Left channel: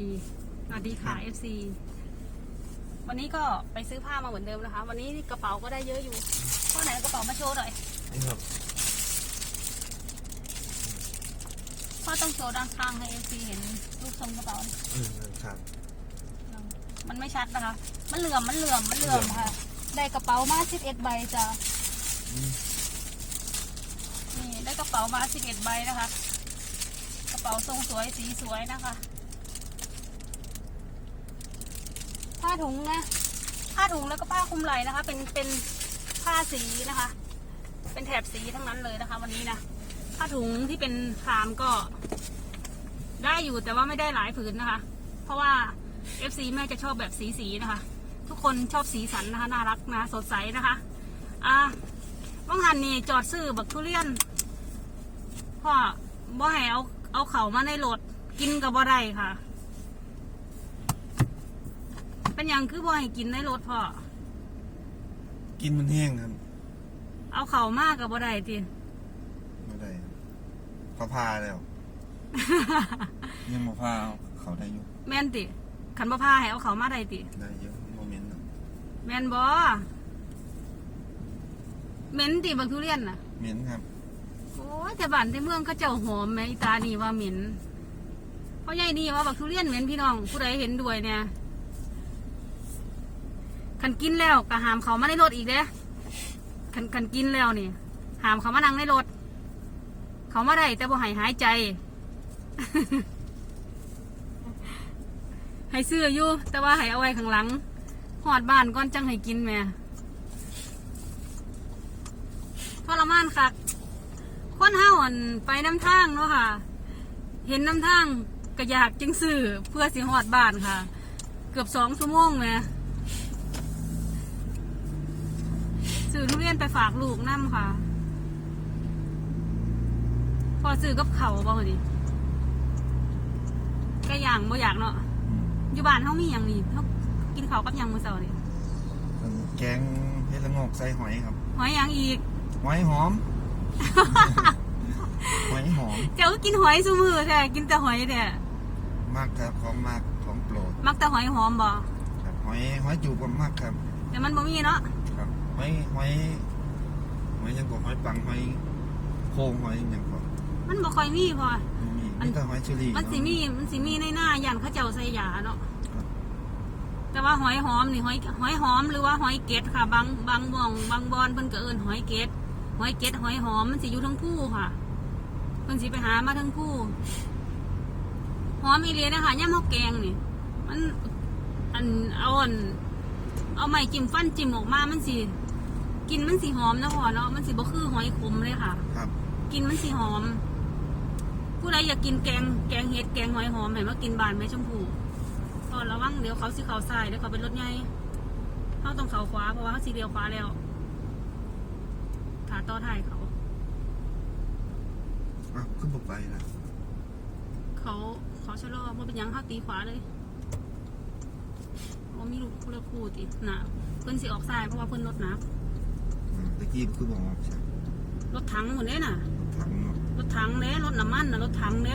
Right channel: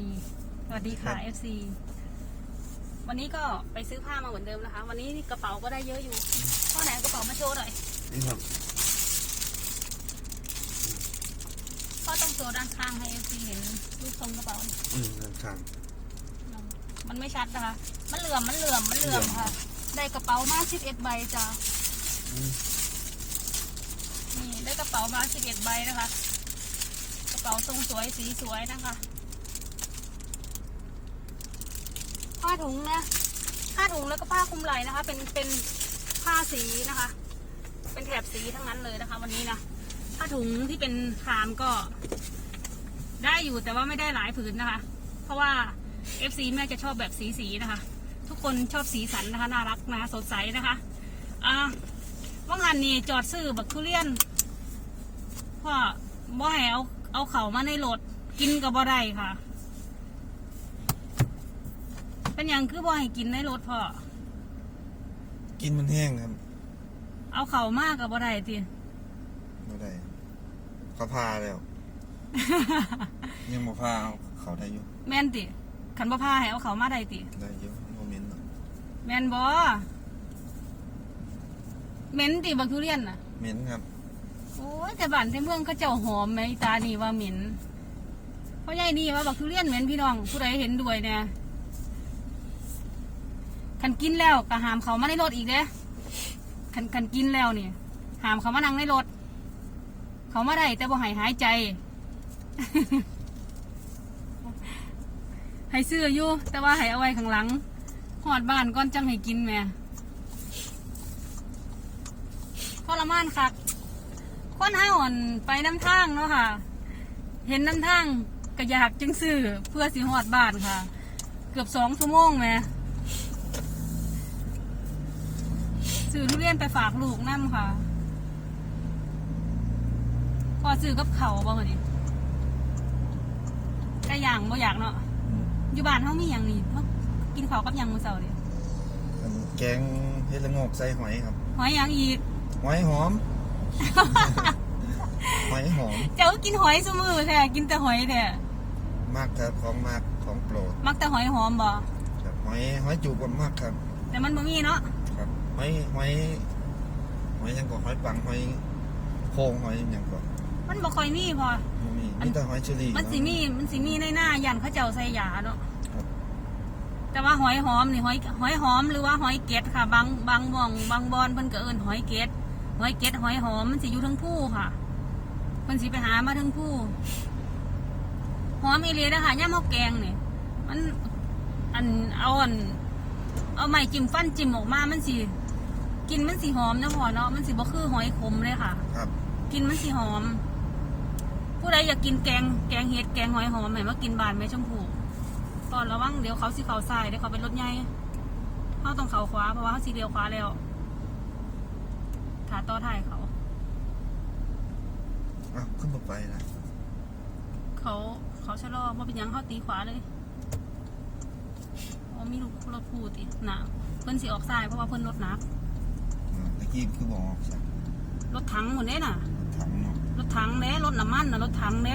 ดีสวัสดีค่ะ FC วันนี้ก็ไปซื้อผ้ามาเหมือนเดิมนะคะ วันนี้กระเป๋าก็ได้เยอะอยู่เท่าไหนกระเป๋ามาโชว์หน่อยนี่ครับพ่อต้องโชว์ด้านข้างให้ FC เห็นรูปทรงกระเป๋า อืมครับมันไม่ชัดนะคะ มันเหลื่อม มันเหลื่อม มันเหลื่อมค่ะ ได้กระเป๋ามา11ใบจ้ะนี่ได้กระเป๋ามา11ใบนะคะ กระเป๋าทรงสวยสีสวยนะคะ ผ้าถุงนะผ้าถุงแล้วก็ผ้าคลุมไหล่นะคะ เป็นเป็นผ้าสีนะคะ เป็นแถบสีทั้งนั้นเลยนะคะ วันนี้นะผ้าถุงที่เป็นคามก็ ได้อยู่แต่ว่าไม่ได้หลายผืนนะคะ เพราะว่า FC แม่จะชอบแบบสีสีๆนะคะ ทุกคนชอบสีสันนะคะ น่ารักนะสดใสนะคะอะว่างหันนี่จอดซื้อบักทุเรียนพ่อบ่ให้เอาเอาเข่ามาในรถกินกับบ่ได้ค่ะ เป็นอย่างคือบ่ให้กินในรถพ่อ กินมันแห้งครับเอาเข่ามากกับบ่ได้ติไม่ได้เขาพาแล้ว ยังมาพาเอาเขาได้อยู่แม่นติขันบ่พาให้เอาเข่ามาได้ติได้เยอะโมเมนต์เนาะแม่นบ่เหม็นติบักทุเรียนน่ะ เหม็นครับโอ้ยแต่บ้านแต่เมืองก็เจ้าหอมไหมตานี่ว่าเหม็นเพราะยายนี่ว่าบักทุเรียนเหม็นพี่น้องผู้ใดเห็นด้วยเนี่ย คันกินแล้วก็หามเขามาในรถอีกเด้อคันคันกินแล้วนี่ หามเขามานั่งในรถ เขามาได้แต่บ่หายหายใจ ให้ซื้ออยู่แต่ว่าให้เอาไว้ข้างหลังหอดบ้านก่อนจังให้กินแม่ทรมานค่ะคนห้าวันไปน้ำทางเนาะค่ะ เห็นน้ำทางก็อยากจึงซื้อเพื่อสิหอดบ้านค่ะ เกือบสองชั่วโมงไง ซื้อทุเรียนไปฝากลูกน้ำค่ะ พอซื้อกับเขาวบ่วันนี้ก็อย่างบ่อยากเนาะอืมอยู่บ้านเขามีอย่างนี้เขากินข้าวกับหยังมือเสาร์เลยอันแกงเฮ็ดละโงกใส่หอยครับ หอยหยังอีก หอยหอม หอยหอม เจ้าก็กินหอยซุมือค่ะ กินแต่หอยแต่มากครับของมากของโปรด มักแต่หอยหอมบ่ครับหอยหอยจูบผมมากครับ แต่มันบ่มีเนาะ ครับ หอยหอยหอยยังกว่าหอยปังหอยโคงหอยยังกว่ามันบ่ค่อยมีพอมีอันมีแต่หอยเชอรี่มันสิมีมันสิมีในหน้ายันเขาเจ้าใส่ยาเนาะครับแต่ว่าหอยหอมนี่หอยหอยหอมหรือว่าหอยเกล็ดค่ะ บางบางบ่องบางบอนเพิ่นก็เอิ้นหอยเกล็ดหอยเกล็ดหอยหอมมันสิอยู่ทั้งผู้ค่ะเพิ่นสิไปหามาทั้งผู้หอมอีหลีนะคะย่ามเฮาแกงนี่มันอันเอาอันเอาไม้จิ้มฟันจิ้มออกมามันสิ กินมันสิหอมนะพอเนาะมันสิบ่คือหอยขมเลยค่ะ ครับ กินมันสิหอม ผู้ใดอยากกินแกงแกงเห็ดแกงหอยหอมเห็นว่ากินบานแม่ชมพูก่อนระวังเดี๋ยวเขาสิเขาใส่เดี๋ยวเขาเป็นรถใหญ่เขาต้องเขาขวาเพราะว่าเขาสีเดียวขวาแล้วขาต่อท้ายเขาอะขึ้นมาไปละเขาเขาชะลอเพราะเป็นหยังเขาตีขวาเลยเพราะว่ามีลูกรถพูติดหนาเพิ่นสิออกซ้ายเพราะว่าเพิ่นรถหนักอืม ตะกี้คือบอกใช่รถถังหมดเด้น่ะ ถังเนาะรถถังเด้รถน้ำมันน่ะรถถังเด้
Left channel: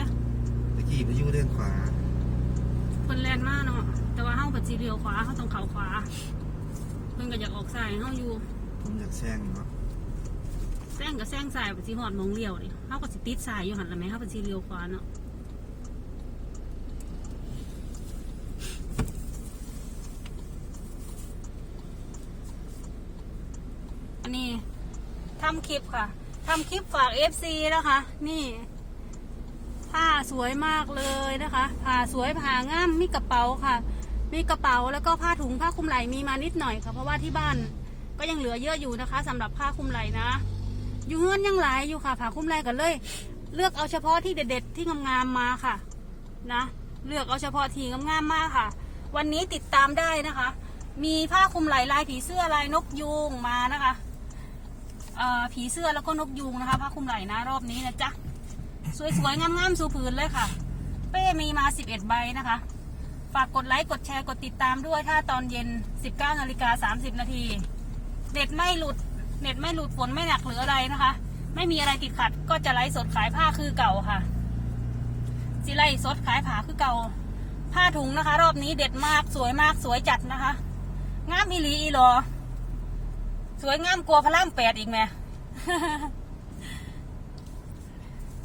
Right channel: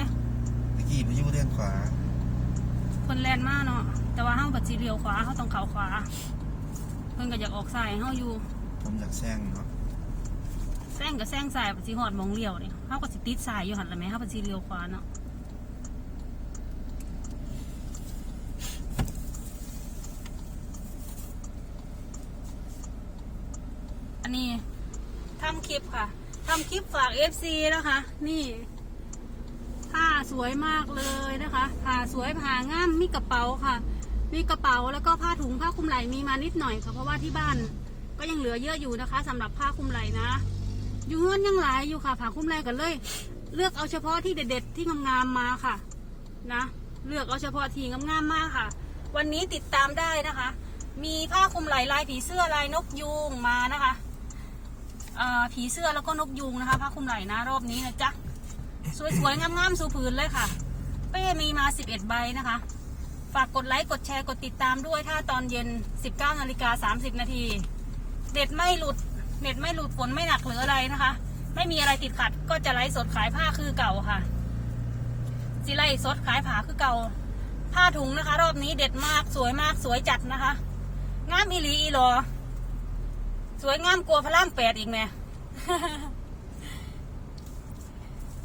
ตะกี้ไปอยู่เด้านขวาเพิ่นแล่นมาเนาะ แต่ว่าเฮาปัดสีเดียวขวาเฮาต้องเขาขวา เพิ่นก็อยากออกซ้ายเฮาอยู่ผมอยากแซงเนาะแซงกับแซงซ้ายปัดสิฮอดหมองเลี้ยวนี่เฮาก็สิติดซ้ายอยู่หั่นล่ะแหม่เฮาปัดสีเดียวขวาเนาะ อันนี้ทำคลิปค่ะทำคลิปฝาก FC นะคะนี่ผ้าสวยมากเลยนะคะผ้าสวยผ้างามมีกระเป๋าค่ะ มีกระเป๋าแล้วก็ผ้าถุงผ้าคลุมไหล่มีมานิดหน่อยค่ะ เพราะว่าที่บ้านก็ยังเหลือเยอะอยู่นะคะสำหรับผ้าคลุมไหล่นะ อยู่เฮือนยังหลายอยู่ค่ะ ผ้าคลุมไหล่กันเลย เลือกเอาเฉพาะที่เด็ดๆที่งามๆมาค่ะ นะ เลือกเอาเฉพาะที่งามๆมากค่ะ วันนี้ติดตามได้นะคะ มีผ้าคลุมไหล่ลายผีเสื้อลายนกยูงมานะคะ ผีเสื้อแล้วก็นกยูงนะคะผ้าคลุมไหล่นะรอบนี้นะจ๊ะสวยๆงามๆสู่ผืนเลยค่ะ เป้มีมา 11 ใบนะคะ ฝากกดไลค์กดแชร์กดติดตามด้วยถ้าตอนเย็น 19นาฬิกา30 นาทีเน็ตไม่หลุดเน็ตไม่หลุดฝนไม่หนักหรืออะไรนะคะ ไม่มีอะไรติดขัดก็จะไลฟ์สดขายผ้าคือเก่าค่ะสิไลฟ์สดขายผ้าคือเก่า ผ้าถุงนะคะ รอบนี้เด็ดมากสวยมากสวยจัดนะคะ งามอีหลีอีหรอ สวยงามกลัวพระรามแปดอีกไหม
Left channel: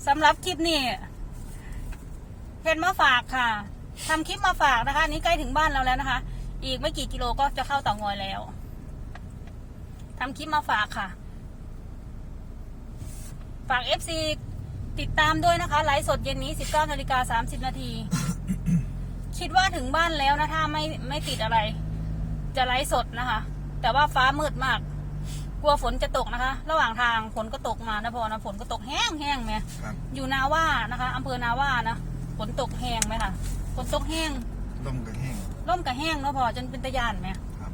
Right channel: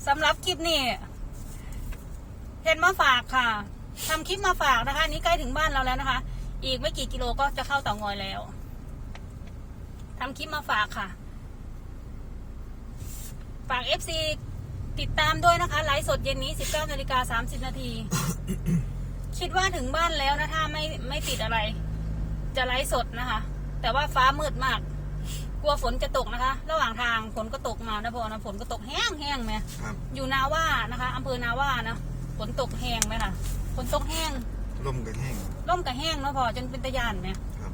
สำหรับคลิปนี้เห็นมาฝากค่ะทำคลิปมาฝากนะคะนนี้ใกล้ถึงบ้านเราแล้วนะคะ อีกไม่กี่กิโลก็จะเข้าเต่างอยแล้วทำคลิปมาฝากค่ะ ฝาก FC ติดตามด้วยนะคะ ไลฟ์สดเย็นนี้ 19นาฬิกา30นาที คิดว่าถึงบ้านแล้วนะ ถ้าไม่ไม่ติดอะไร จะไลฟ์สดนะคะ แต่ว่าฟ้ามืดมาก กลัวฝนจะตกนะคะ ระหว่างทางฝนก็ตกมานะพอนะฝนก็ตกแห้งแห้งไหมครับอยู่นาว่านะคะอำเภอนาว่านะฝนตกแห้งไหมคะฝนตกแห้งลมกันแห้งร่มกับแห้งนะพอจนเป็นตะยานไหมครับ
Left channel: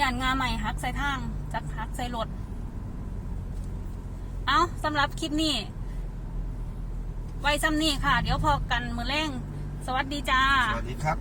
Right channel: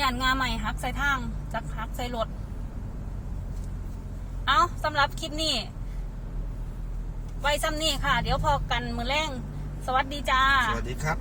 ยานงาใหม่ฮักใส่ทางจักฮักใส่รถเอาสำหรับคลิปนี้ไว้ซ้ำนี่ค่ะ เดี๋ยวพอกันมือแรงสวัสดีจ้า สวัสดีครับ